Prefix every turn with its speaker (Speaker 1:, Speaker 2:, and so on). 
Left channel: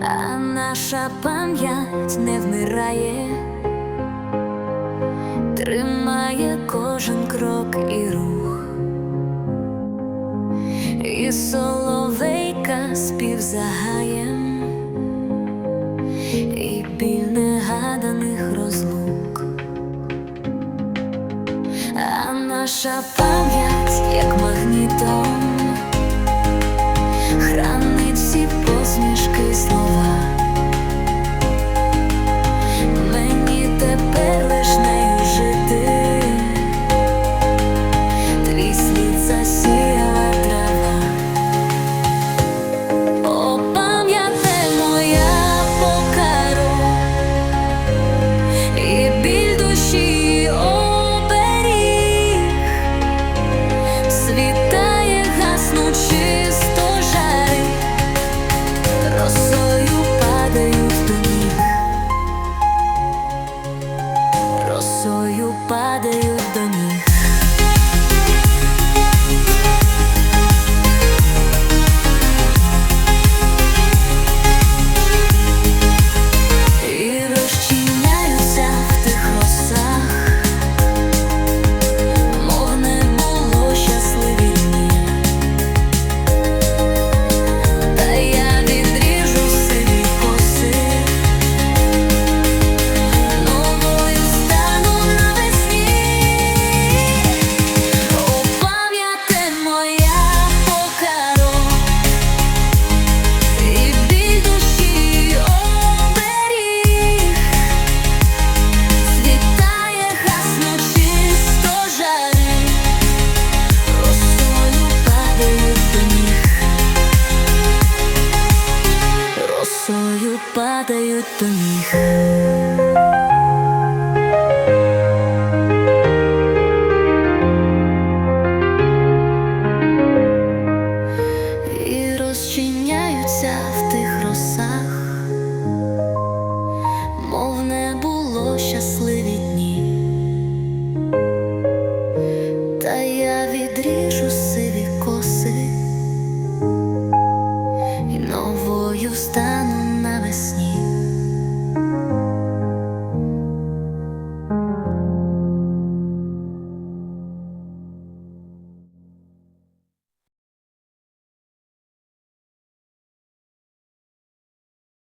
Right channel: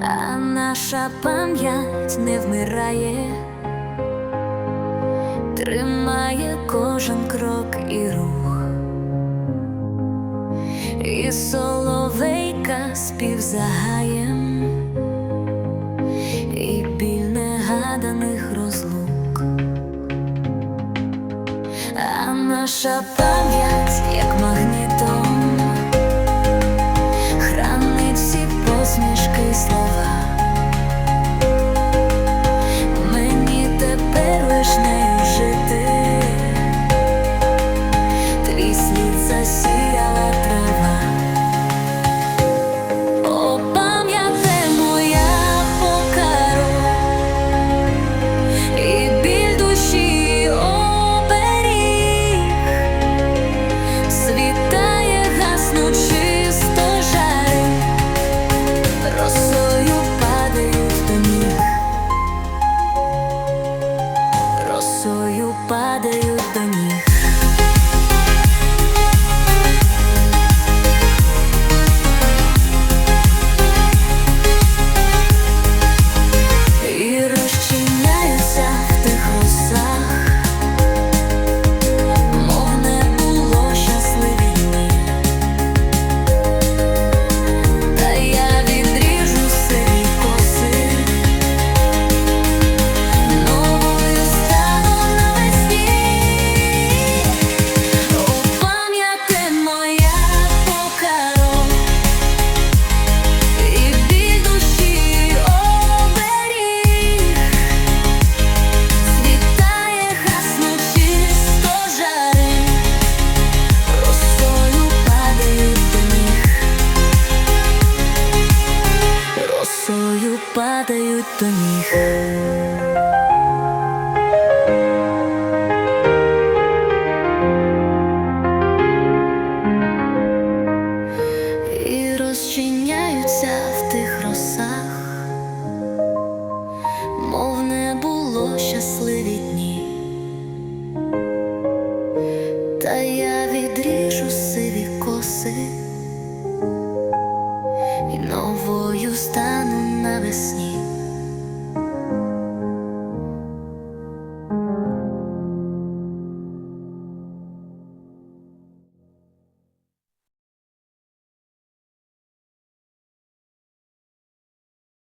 Speaker 1: а наша пам'ять не вмирає, тримає кожен крок і рух, і соловейка спів загаєм, і біль негаданих розлук. А наша пам'ять, як магнітом, хранить всі посмішки слова. Мені тепер лиш нею жити, твій слід засіяла трава. Росою падають до ніг, росою падають до ніг. Падають до ніг. І розчиняються в тих росах, мов не було щасливі дні. Та я відріжу сиві коси і новою стану навесні.